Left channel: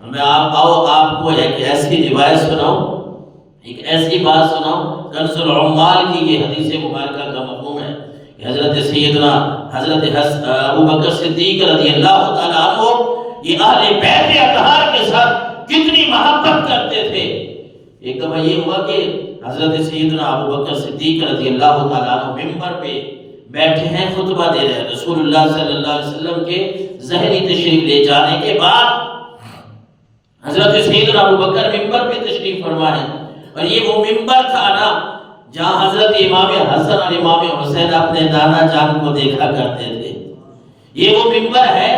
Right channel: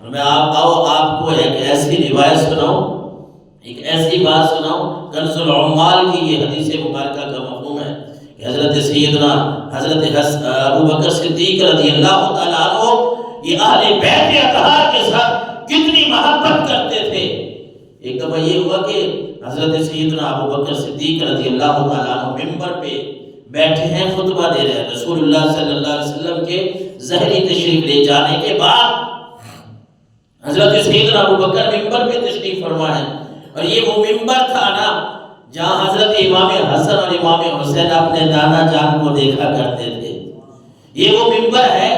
میں آپ کو ایک ایسی روایت سناؤں، ایک ایسی بات سناؤں، کنز العمال کی یہ حدیث مبارکہ کا مفہوم ہے کہ حضرت سیدنا حضرت ابو بکر صدیق رضی اللہ تعالیٰ عنہ یہ اہل بیت اطہار کے ساتھ کتنی محبت کرتے تھے۔ ایک دفعہ یہ ہوا کہ حضرت سیدنا ابو بکر صدیق رضی اللہ تعالیٰ عنہ ممبر پہ بیٹھے ہیں، خطبہ دے رہے ہیں، رسول اللہ صلی اللہ علیہ وسلم کے ظہری تشریف لے جانے کے بعد حضرت سیدنا ابو بکر ممبر پہ تشریف فرما ہے، اور یہ وہ ممبر تھا نا جہاں حضرت امام حسن اور امام حسین اپنے نانا جان کو دیکھا کرتے تھے۔ یہ وہ ممبر ہے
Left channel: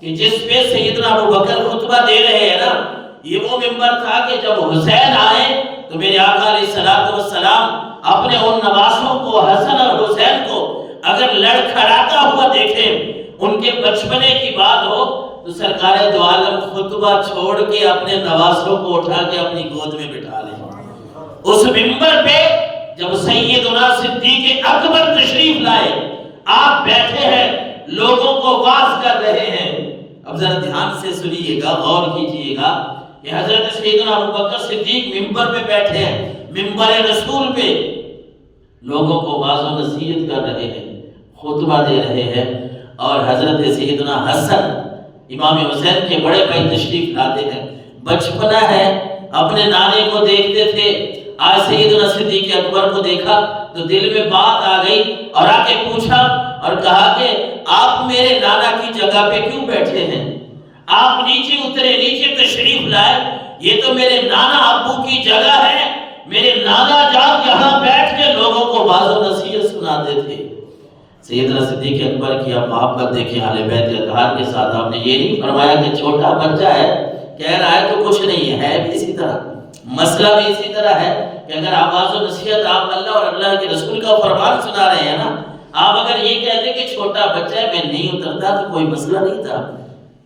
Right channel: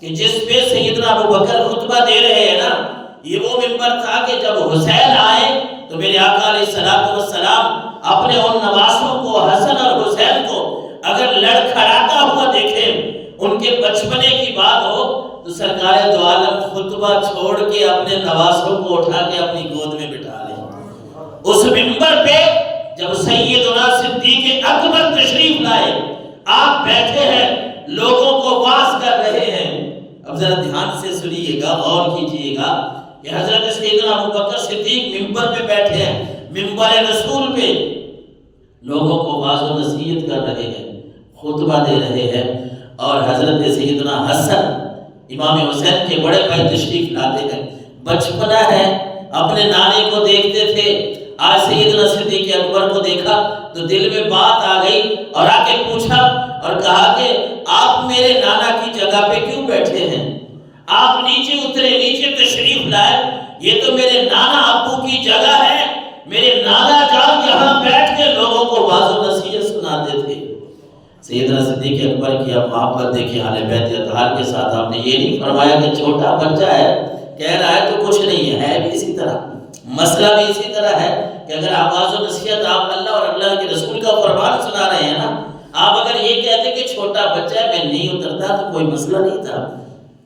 کہ جس پہ سیدنا ابو بکر خطبہ دے رہے ہیں نا، یہ وہ ممبر تھا کہ جب حسین آئے تو میرے آقا علیہ السلام اپنے ان نواسوں کو، حسن اور حسین کو اگر لڑکھڑاتا ہوا دیکھیں، ان کے بچپنے کی بات ہو تو سرکار دو عالم خطبہ چھوڑ کے اپنے نواسوں کو اٹھا کے اپنی گود میں بٹھا لیں۔ اس ممبر پہ جب سیدنا صدیق اکبر تشریف لائے، آپ بیٹھے ہیں، لوگوں کو واعظ کر رہے ہیں۔ اب ذرا دھیان سے سنیے گا، غور کیجئے گا کہ حضرت سیدنا ابو بکر صدیق ممبر پہ بیٹھے ہیں، ممبر رسول پہ لوگوں کو واعظ و نصیحت کر رہے ہیں، خطبہ دے رہے ہیں، اور حضرت سیدنا حسن امام حسین کے بڑے بھائی تشریف لاتے ہیں۔ بچپنا ہے، اپنے نانے کو دیکھتے تھے، آج سیدنا صدیق اکبر کو دیکھا تو دل میں بات آ گئی اور آ کے پوچھا اور کہا کہ آپ میرے نانا کی جگہ پہ کیوں بیٹھے ہیں؟ آپ نیچے اترے، نیچے تشریف لائے، یہ تو میرے نانا ابو کی جگہ ہے، میرے نانا جان یہاں بیٹھ کے لوگوں کو واعظ و نصیحت سناتے تھے۔ سیدنا صدیق اکبر کی اب محبت دیکھیں اہل بیت اطہار کے ساتھ۔ آپ نے یہ نہیں فرمایا کہ چھوٹا بچہ ہے، کہہ رہا ہے تو کچھ نہیں ہے بھی اسی طرح، مسئلہ بھی اسی طرح ہے کہ اگر آپ واعظ و نصیحت، آپ اللہ اور اللہ کے رسول کا فرمان سنا رہے ہیں نا، آپ اگر یہ کہتے کہ چھوٹا بچہ ہے میں نہیں اترتا تو کوئی مسئلہ نہیں تھا،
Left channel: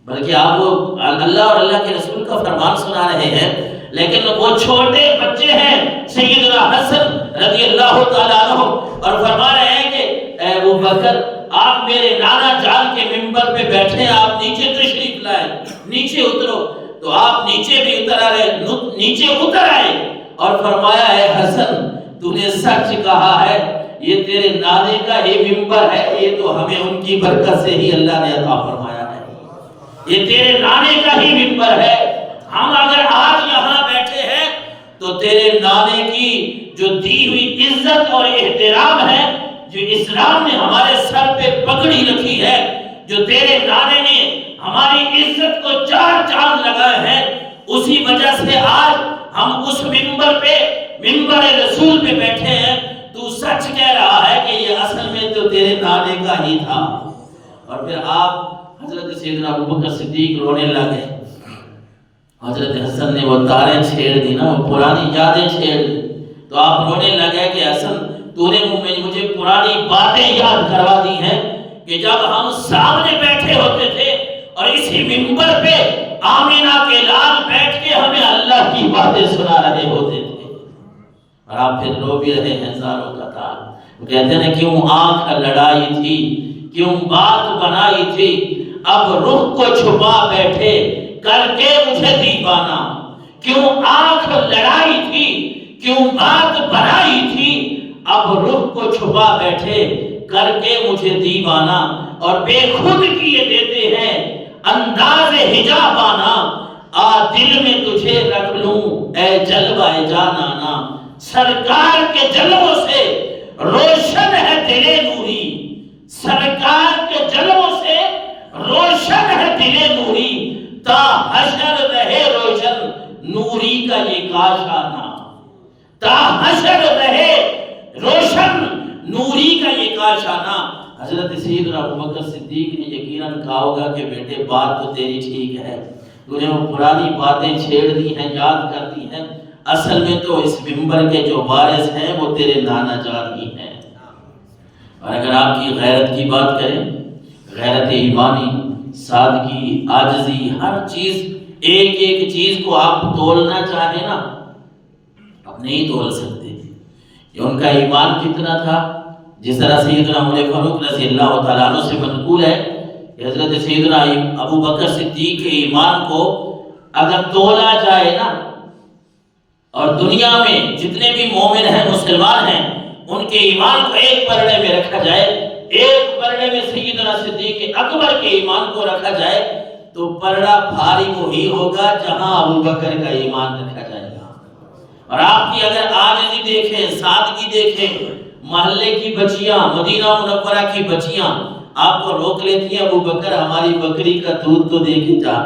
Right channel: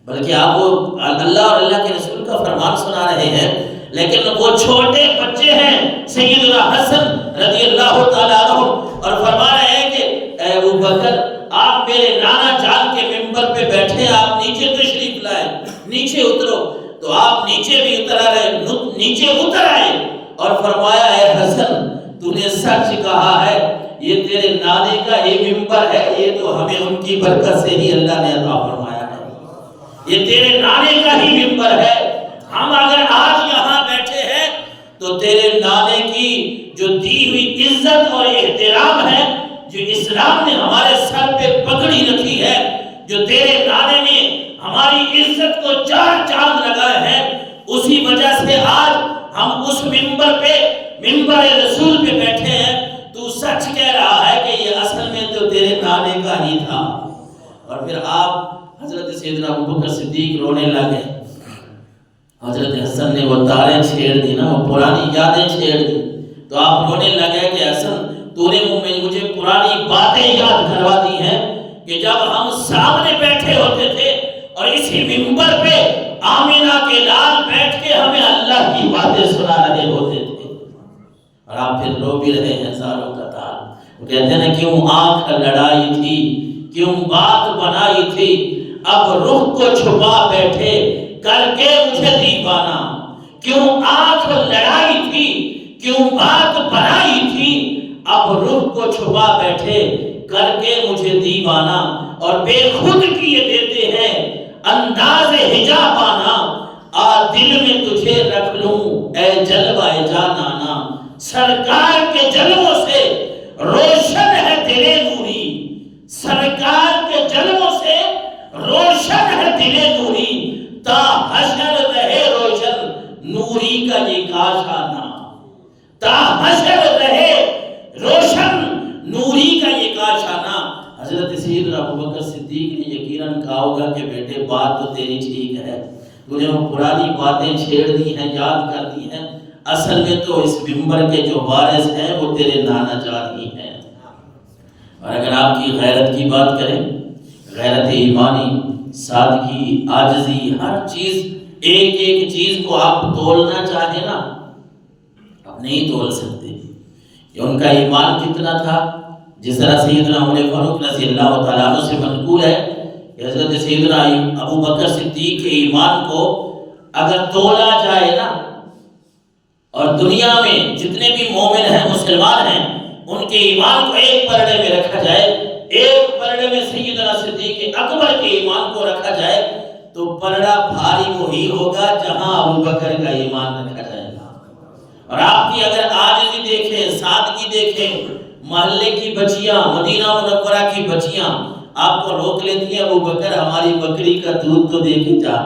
بلکہ آپ وہ اللہ اور اللہ کے رسول کا فرمان سنا رہے ہیں۔ لیکن وہ چھوٹے بچے ہیں سیدنا حسن رضی اللہ تعالیٰ عنہ، اور فرما رہے ہیں کہ اے ابو بکر آپ میرے نانا جان کے ممبر پہ بیٹھے، آپ نیچے تشریف لائے، نیچے اترو، تو آپ نیچے بھی نیچے اتر آئے اور فرمایا اے حسن تو نے سچ کہا ہے، یہ تیرے نانے کا یہ ممبر ہے، یہ تو ہمیں ان کی برکت سے ہی اللہ نے عطا فرمایا ہے، یہ تیرے نانے کا ہی ممبر ہے۔ ہم اگر آج یہاں بیٹھے ہیں تو تیرے نانے کی جو دی ہوئی عزت اور احترام ہے، جو اسلام نے ہمارے سر پہ پگڑی رکھی ہے، جو تیرے نانے نے ہماری عزت کو چار چاند لگائے ہیں، اسی وجہ سے آج ہم اس ممبر پہ، ممبر رسول پہ بیٹھے ہیں۔ تو سچ کہہ رہا ہے کہ یہ اصل میں تو تیرے نانے کا ہی تھا۔ اور پھر آپ حضرت سیدنا ابو بکر صدیق رونے لگے۔ حضرت حسن نے وہ تاریں چھیڑ دی نا، وہ پرانی یادیں چھیڑ دی، تو آپ رونے لگے کہ حسن تو نے مجھے پرانی باتیں یاد کروا دی ہیں کہ جب ہم سامنے بیٹھے ہوتے تھے اور اسی ممبر پہ آمینہ کے لال بیٹھ کے ہمیں اللہ کی باتیں سنا رہے ہوتے تھے، اور آپ پھر رو بھی رہے ہیں زاروں کا تار۔ وہ کہتے ہیں کیوں آنکھ لڑائی تھی، کیوں بات بنائی تھی، اب رخ کو چھپا بیٹھے کر کے مجھے دیوانہ، کیوں آنکھ لڑائی تھی، کیوں بات بنائی تھی، اب رخ کو چھپا بیٹھے کر کے مجھے دیوانہ، اور بے خود کیے دیتے ہیں انداز حجابانہ، آ دل میں تجھے رکھ لوں اے جلوہ جانانا، سرکار کے جلووں سے روشن ہے دل نوری، سرکار کے جلووں سے روشن ہے دل نوری، تا حشر رہے روشن نوری کا یہ کاشانہ، تا حشر رہے روشن نوری کا یہ کاشانہ۔ حضرت سیدنا ابو بکر صدیق نے یقیناً کہا ہوگا کہ بیٹے بات تو تیری ٹھیک ہے، تو نے وہ پرانی باتیں چھیڑ دی ہیں، یاد کر دی ہیں، اصل میں تو اس ممبر کے جو وارث ہیں وہ تیرے نانا جان ہی ہیں۔ اور اگر آپ کی غیرت کی بات کریں، غیرت ایمانی، سادگی، عاجزی، ہر چیز، ایک ایک چیز کو آپ تولنا چاہیں نا، آپ نہیں تول سکتے کہ ان کا ایمان کتنا تھا۔ جس طرح سیدنا عمر فاروق رضی اللہ تعالیٰ عنہ سے منقول ہے کہ حضرت سیدنا ابو بکر صدیق کے ایمان کو اگر تولا جائے نا، اور دنیا میں جتنے بھی مومن ہیں مسلمان ہیں ان کے ایمان کو ایک پلڑے میں رکھا جائے، ایک پلڑے میں سیدنا صدیق اکبر کے ایمان کو رکھا جائے، تو پلڑا بھاری وہی ہوگا جہاں ابو بکر کا ایمان رکھا جائے گا۔ اور آپ کی اگر عاجزی دیکھیں، سادگی دیکھیں، محلے کی بچیاں، مدینہ منورہ کی بچیاں آپ کو روک لیتی ہیں، ابو بکر ہماری بکری کا دودھ تو دے کے جا۔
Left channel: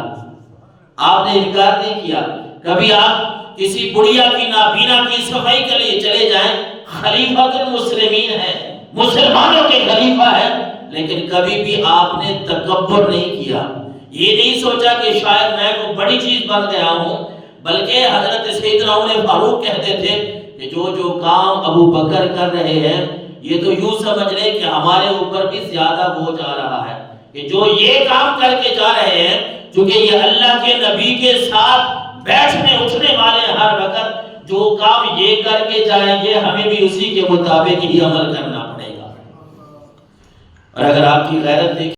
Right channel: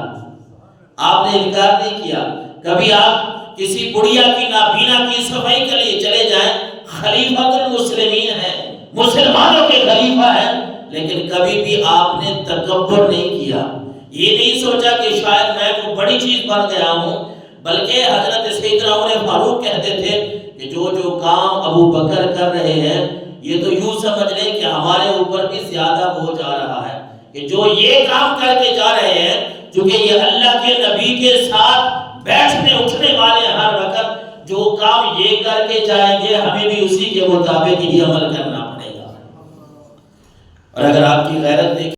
آپ نے انکار نہیں کیا۔ کبھی آپ کسی بڑھیا کی نابینا کی صفائی کے لیے چلے جائیں، خلیفۃ المسلمین ہے، مسلمانوں کے خلیفہ ہیں، لیکن کبھی بھی آپ نے تکبر نہیں کیا، یہ نہیں سوچا کہ شاید میں کوئی بڑی چیز بن گیا ہوں، بلکہ حضرت سیدنا عمر فاروق کہتے تھے کہ جو کام ابو بکر کر رہے ہیں یہ تو یوں سمجھ لیں کہ ہمارے اوپر بھی زیادہ بوجھ آ رہا ہے، کہ جو یہ کام کر کے جا رہے ہیں، چونکہ یہ اللہ کے نبی کے ساتھ بیٹھنے اٹھنے والے ہر وقت جو کام یہ کر کے جائیں گے ہمیں بھی اسی کے مطابق ہی عمل کرنا پڑے گا۔ اور اگر آپ کی غیرت دیکھیں